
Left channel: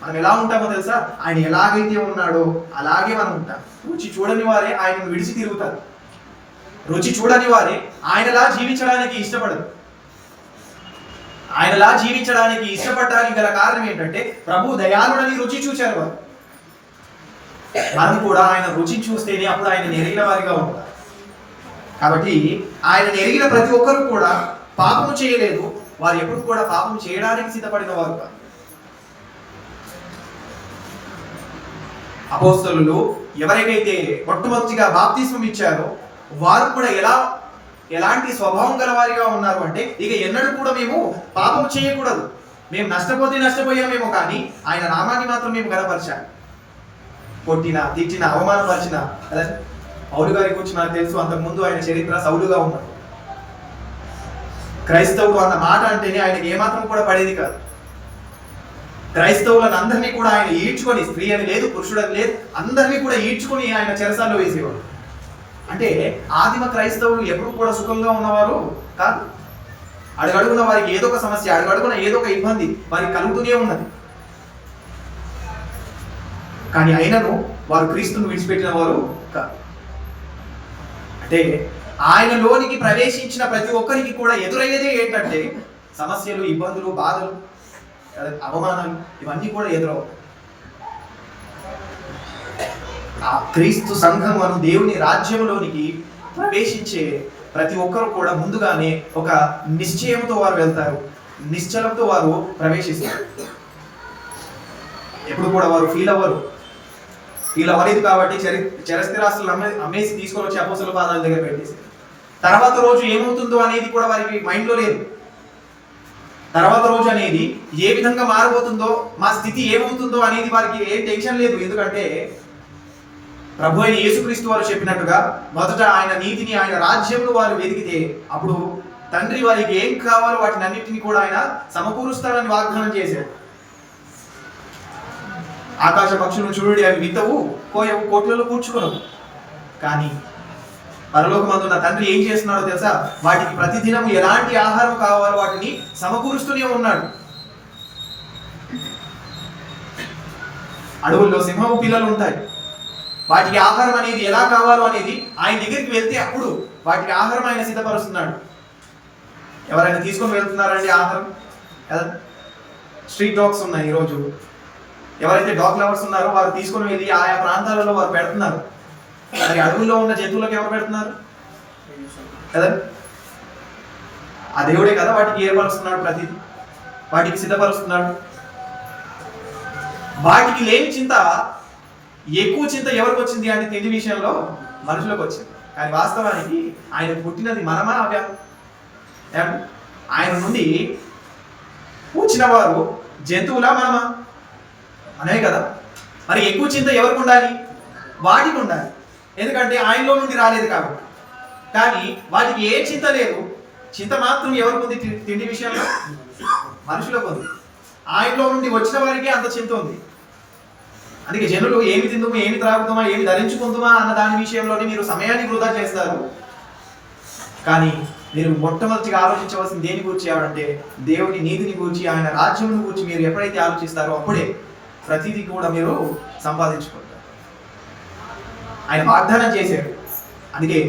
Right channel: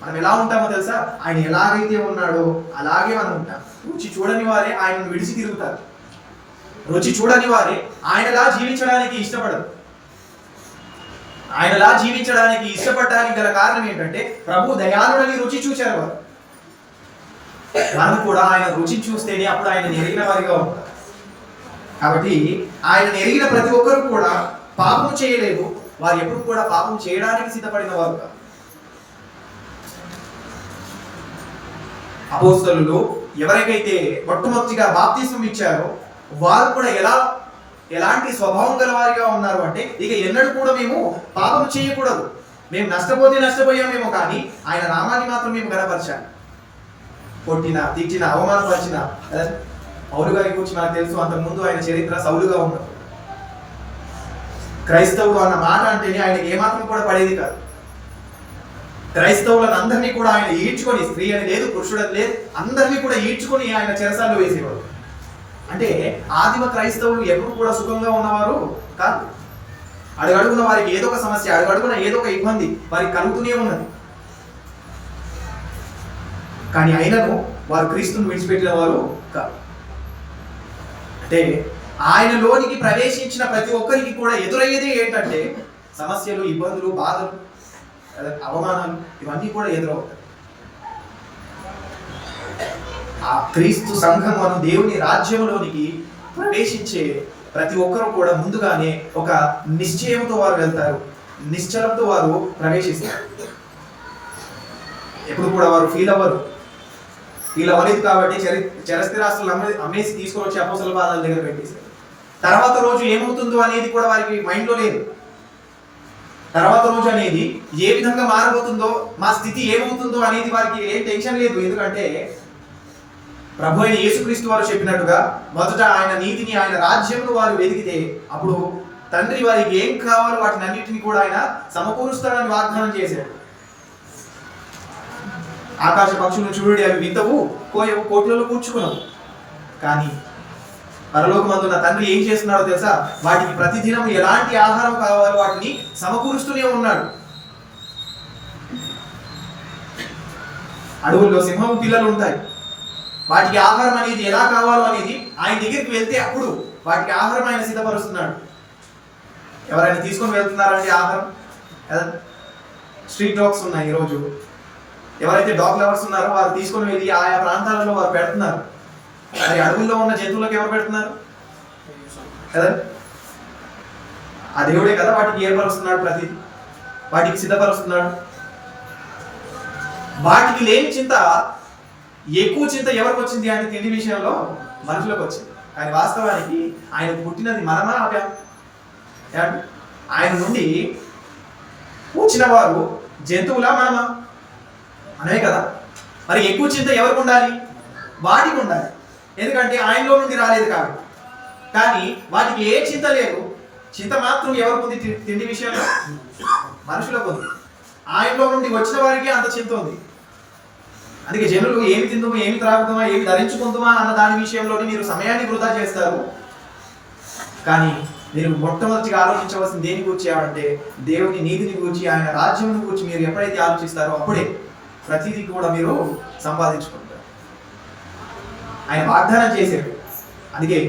మనం ఎలా ఉంటామో తెలుసా? ఆయన ఎలాగైతే ఉన్నాడో అలాగే మనం ఉంటాం. రుచి చూడని వారే ఆయనను విడిచి తిరుగుతారు. రుచి చూడని వారే ఆయనలా జీవించడానికి ఇష్టపడరు. ఆయనలా జీవించడానికి ఇష్టపడడానికి గల కారణం ఏంటంటే ప్రభు దయాళుడని రుచి చూశారు వారు. మనం కూడా ఆయన రుచి చూస్తేనే అప్పుడు ఆయన ఎరిగిన వారిగా ఉంటారు. కాబట్టి ఆయన ఎరిగిన ప్రతి ఒక్కరు కూడా పాపము చేయలేదు. వారు ఎప్పుడు కూడా పాపం చేయడానికి సిద్ధపడిన వారు కాదు. అపోస్తలులు ఎవరికైతే మొట్టమొదటిగా బాప్తిస్మం ఇచ్చారో వారు కూడా ఎలాంటి స్వభావం గల వారిగా ఉన్నారు అంటే, ఇక ఎన్నడూ కూడా మేము పాపం చేయకూడదు, మేము నష్టపోయామేమో, కానీ ఆయన నామాన్ని మాత్రం మేము గణపరచాలి. కొట్టిన, తిట్టిన, అవమానపరిచిన, పౌలు గారి గురించి మనకు తెలుసు. అంతకుముందు ఆయన చరిత్ర సౌలుగా ఉన్నప్పుడు క్రైస్తవుడు అన్న మాట అంటేనే ఆయనకి ఏమాత్రం కూడా పడేది కాదు. క్రైస్తవులను అందరినీ కూడా ఆయన ఈడ్చుకొని, స్త్రీ అని లేదు, పురుషుడని లేదు, అందరినీ కూడా ఈడ్చుకొని ఆయన చెరసాల్లో వేసేవాడు. అంటే ఆదిమ క్రైస్తవులు ఎప్పుడు కూడా సుఖంగా ఉన్నవారు కాదు. అడుగడుగున వారికి ఏదో ఒక సమస్య, అడుగడుగున ఏదో ఒక ఇబ్బంది వారికి కలుగుతూనే ఉన్నది. కానీ అయినను వారు క్రీస్తును విడిచిపెట్టిన వారు కాదు. అంటే ఆయనలోనికి ప్రవేశించిన ప్రతి ఒక్కరికి కూడా ఎదురయ్యేదే ఏంటంటే సమస్యలు, ఇబ్బందులు, బాధలు, అవమానాలు, ఇవన్నీ కూడా ఎదురవుతాయి. ఆ క్రీస్తు సంఘం అను దేవుని రాజ్యములోనికి ప్రవేశించే ప్రతి ఒక్కరు కూడా ముందుగానే ఒక నిశ్చయంతో వారు వెళ్తారు, నిశ్చలంతో వారు ప్రవేశిస్తారు. ఎప్పుడు కూడా వారు ఫీల్ అవ్వలేదు కాబట్టి చరస్థిరాస్తులు అమ్మేసి తీసుకొని వచ్చి అపోస్తలుల పాదాల దగ్గర పెట్టేశారు. తర్వాత రోజు ఏమవుతుందో అనేది కూడా వారికి మైండ్లో లేదు. తర్వాత రోజు అనేది ఏ విధంగా మారబోతుందో, మా స్థితి ఏమవుతుందో అనేది వారికి ఏం టెన్షన్ లేదు. ఎందుకంటే ప్రభు అయిన యేసుక్రీస్తు వారు చెప్పినట్టుగా మొదట ఆయన నీతిని, ఆయన రాజ్యమును వారు వెతికితే అప్పుడు తండ్రి వారికి ఏం కావాలో వాటిని అన్నింటినీ కూడా ఆయన సమకూరుస్తాడని వాగ్దానం చేశాడు. ఆకాశ పక్షులను చూడుడి, అవి వింతవు, కోయవు, కోట్లలో కూర్చుకునవు, కానీ పరలోకమందున్న తండ్రి ఏం చేస్తున్నాడో తెలుసా? వాటికి ప్రతిదినం ఎలాంటి ఆహారం కావాలో వాటిని సమకూరుస్తూనే ఉన్నాడు. అడవుల్లో సింహము పిల్లలు ఉంటాయి. వాటికి ఆహారం అనేది ఎలా కావాలో అనేది ఆయన దగ్గరికి వెళ్తే అప్పుడు వాటికి ఆహారం ఆయన సిద్ధపరుస్తున్నాడు. ఎవరైనా తీసుకొని వెళ్తున్నారండి ఆహారం? స్ట్రీట్ డాగ్స్ ఉన్నాయి ఈరోజు. ఎవరైతే డాగ్ లవర్స్ ఉన్నారో వారు తీసుకొని వెళ్ళి ఆయా ప్రాంతాలలో వారు పెడుతున్నారు. మరి అడవుల్లో ఉన్న జంతువులకు ఎవరు పెడుతున్నారు కదా? ఆ దేవుడే కదా వాటికి ఏర్పరుస్తున్నాడు, ప్రతిదీ వాటికి సిద్ధపరుస్తున్నాడు. వాటికి లేని చింత, ఎక్కువ చింత ఎవరికి వచ్చింది అంటే తిండి విషయంలో మనుషులకు వచ్చింది. కానీ వాస్తవానికి ఆయన పుట్టినది మనమా అవ్యా? ఆయన నుండి వచ్చిన వారు జంతువులా మనమా? మనమే కదా. మరి ఎక్కువ చింత ఎవరికి ఉండాలి? వాటికి ఉండాలి. ఎందుకంటే ఆయనలో నుండి రాలేదు కాబట్టి. కానీ వాటికి ఏ చింత లేదు. చింత మాత్రం ఎవరికి ఉంది? తిండి విషయంలో మనుషులకు ఉంది. ఆయనలో నుండి వచ్చిన వారికి అంత చింత ఉంది. అందుకే జనులు ఏమి తిందుమా, ఏమి త్రాగుతామా, ఏమి ధరించుకుందామా అన్న దాని విషయంలోనే మీరు సమయాన్ని వృధా చేస్తారు. కానీ మీరు మొట్టమొదటిగా ఆలోచించవలసిన దేని గురించి అంటే దేవుని నీతిని గురించి, ఆయన రాజ్యమును గురించి మీరు ఎప్పుడైతే ఆలోచిస్తారో అప్పుడే ప్రతిదీ కూడా మీరు సంపాదించుకుంటారు. ఆయన వాగ్దానం చేశాడు. అందుకే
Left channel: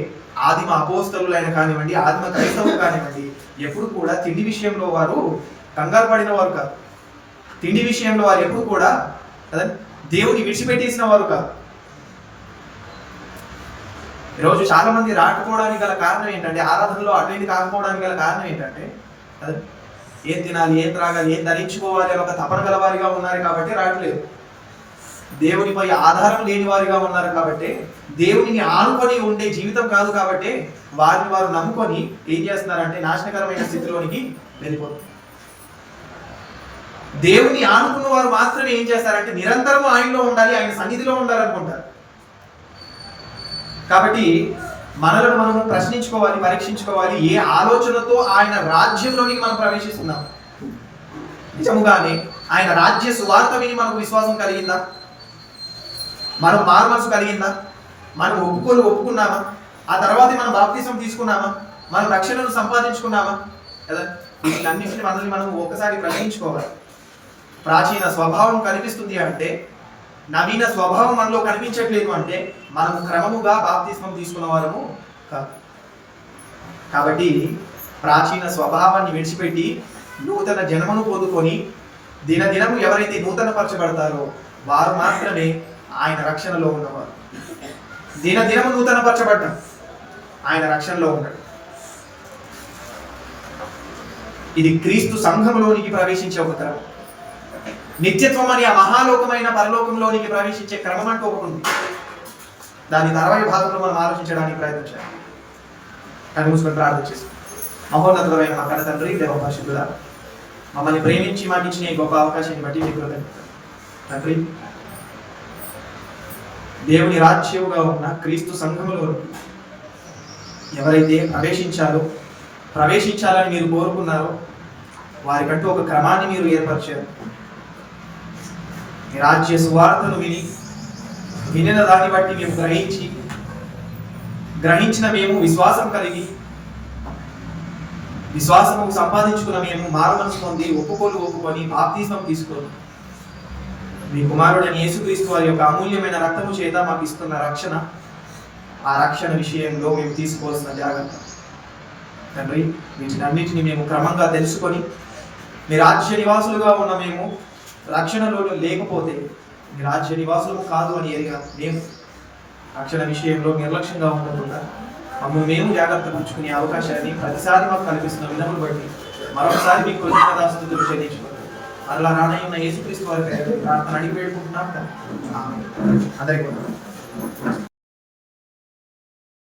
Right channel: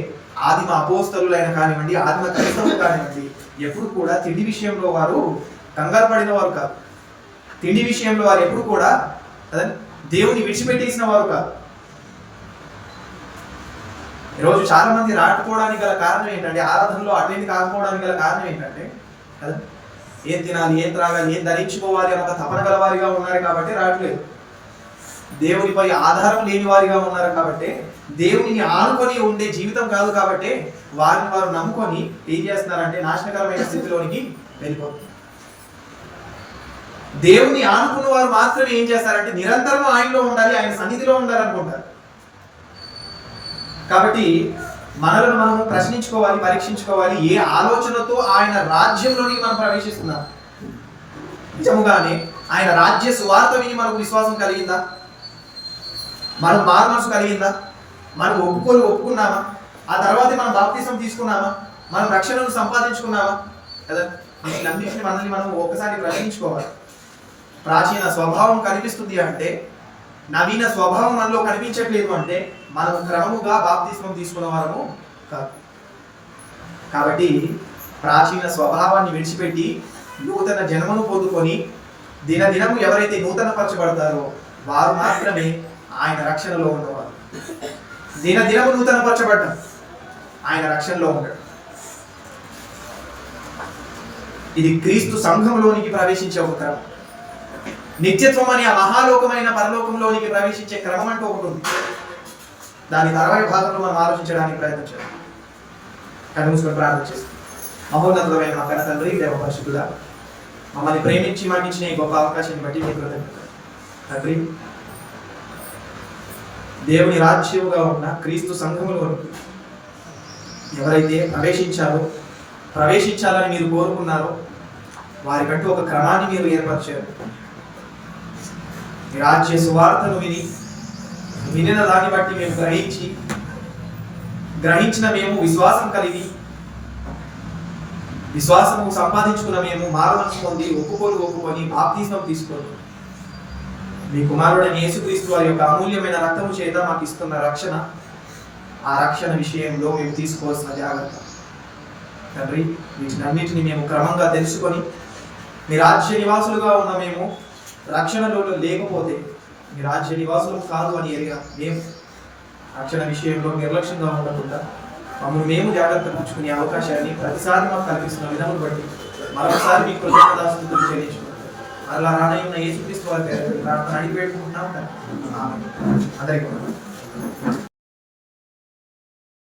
ఆదిమ అపోస్తలులైన కానివ్వండి, ఆదిమ క్రైస్తవులు కానివ్వండి, ఎప్పుడు కూడా తిండి విషయంలో వారు కంగారు పడిన వారు కాదు. తిండి విషయంలో వారు ఎప్పుడు కూడా దేవుని విడిచిపెట్టేసిన వారు కాదు. ఈరోజు చాలా మంది రాకపోవడానికి గల కారణం ఏంటంటే, ఆరాధనలో అటెండ్ కాకపోవడానికి గల కారణం ఏంటంటే కదా, ఏం తినాలి, ఏం త్రాగాలి, ఏం ధరించుకోవాలి అని ఒక తపన గల వారిగా ఉన్నారు కాబట్టి రావట్లేదు. దేవునిపై ఆధారం లేని వారిగా ఉన్నారు కాబట్టి, దేవునిని ఆనుకొని ఉండే జీవితం కాదు కాబట్టి వారిని వారు నమ్ముకొని ఏం చేస్తున్నారంటే నాశనకరమైన స్థితిలోనికి వెళ్ళిపోతుంది. దేవుని ఆనుకున్న వారు మాత్రమే ఏం చేస్తారంటే నిరంతరం ఆయనలో ఉండాలి, ఆయన సన్నిధిలో ఉండాలనుకుంటారు. కాబట్టి మనలను మనము ప్రశ్నించుకోవాలి, పరీక్షించుకోవాలి. ఏ ఆలోచనతో ఆయన రాజ్యంలోనికి మనం ప్రవేశిస్తున్నాం? నిజముగానే ఆయన రాజ్య సువార్త విని మనకు విశ్వాసం కలిగిందా? మనకు మారు మనసు కలిగిందా? మనం ఒప్పుకున్నామా? ఆ తర్వాత మనం బాప్తిసం తీసుకున్నామా? మనం రక్షణను సంపాదించుకున్నామా? కదా, వీటిలన్నింటినీ మనల్ని మనం ఒక్కసారి ప్రశ్నించుకోవాలి. ప్రాచీన స్వభావం కనిపిస్తుంది అంటే, నవీన స్వభావం మనలో కనిపించట్లేదు అంటే మనం క్రమముగా బాప్తిస్మం తీసుకున్న వారము కాదు. కాబట్టి ప్రాచీన స్వభావాన్ని విడిచిపెట్టి నూతన జన్మను పొందుకొని దినదినము ఎవరైతే నూతన పరచబడతారో వారు మాత్రమే ఆయన రక్షణలో ఉన్నవారు. దినదినము నూతన పరచబడ్డం, ఆయన రక్షణలో ఉంటాడు. ఇది క్రీస్తు సంఘంలోనికి ప్రవేశించే ఒక క్రమం. నిత్యత్వం అని ఆ మహాలోకమైన పరలోకంలోనికి ప్రవేశించే క్రమం అంటూ ఒకటి ఉంది. దాని తర్వాయి భాగంలో మనం ఆలోచించడానికి ప్రయత్నం చేయాలి. కళ్ళు మూసుకొని ప్రార్థన చేస్తాం. మహోన్నతమైన మా కన్న తండ్రి, దేవ పరిశుద్ధుడా, మమ్మల్ని ప్రేమించి మాకు ఇచ్చిన ఈ గొప్ప అవకాశాన్ని బట్టి మీకు కృతజ్ఞతలు తండ్రి. దేవుని రాజ్యముగా ఉన్న క్రీస్తు సంఘములోనికి ఎవరైతే ప్రవేశించాలని మీరు కోరుకున్నారో వారికంటూ ఒక క్రమాన్ని మీరు ఏర్పరిచారు. మీ రాజ్య సువార్తను వినిన దాన్ని బట్టి మేము గ్రహించిన మేము విశ్వాసం కలిగి, విశ్వాసము సంపాదించుకున్న మేము మారుమనసు పొంది ఒప్పుకొని బాప్తిస్మం తీసుకొని మీ కుమారుడైన యేసుక్రీస్తు వారి యొక్క అమూల్యమైన రక్తము చేత మాకు ఇస్తున్న రక్షణ, ఆ రక్షణ విషయంలో మేము తీసుకోవాల్సిన జాగ్రత్త తండ్రి, వీటినన్నిటిని మేము క్రమంగా తెలుసుకొని మీ రాజ్య నివాసులుగా ఉన్న మేము రక్షణలో లేకపోతే మీ రాజ్య నివాసులము కాదు అని ఎరిగా మేము రక్షణ విషయంలో నిర్లక్ష్యంగా ఉండకుండా మమ్మల్ని మేము జాగ్రత్త పుచ్చుకునే అవకాశాన్ని ప్రతిసారి మాకు కల్పిస్తున్న విధమును బట్టి మరొకసారి మీకు కృతజ్ఞతాస్తుతులు చెల్లించుకుంటున్నాం. అలా రానై ఉన్న యేసుక్రీస్తు వారికి ప్రార్థన అడిగి వేడుకుంటున్నాం. ఆమేన్. అందరికీ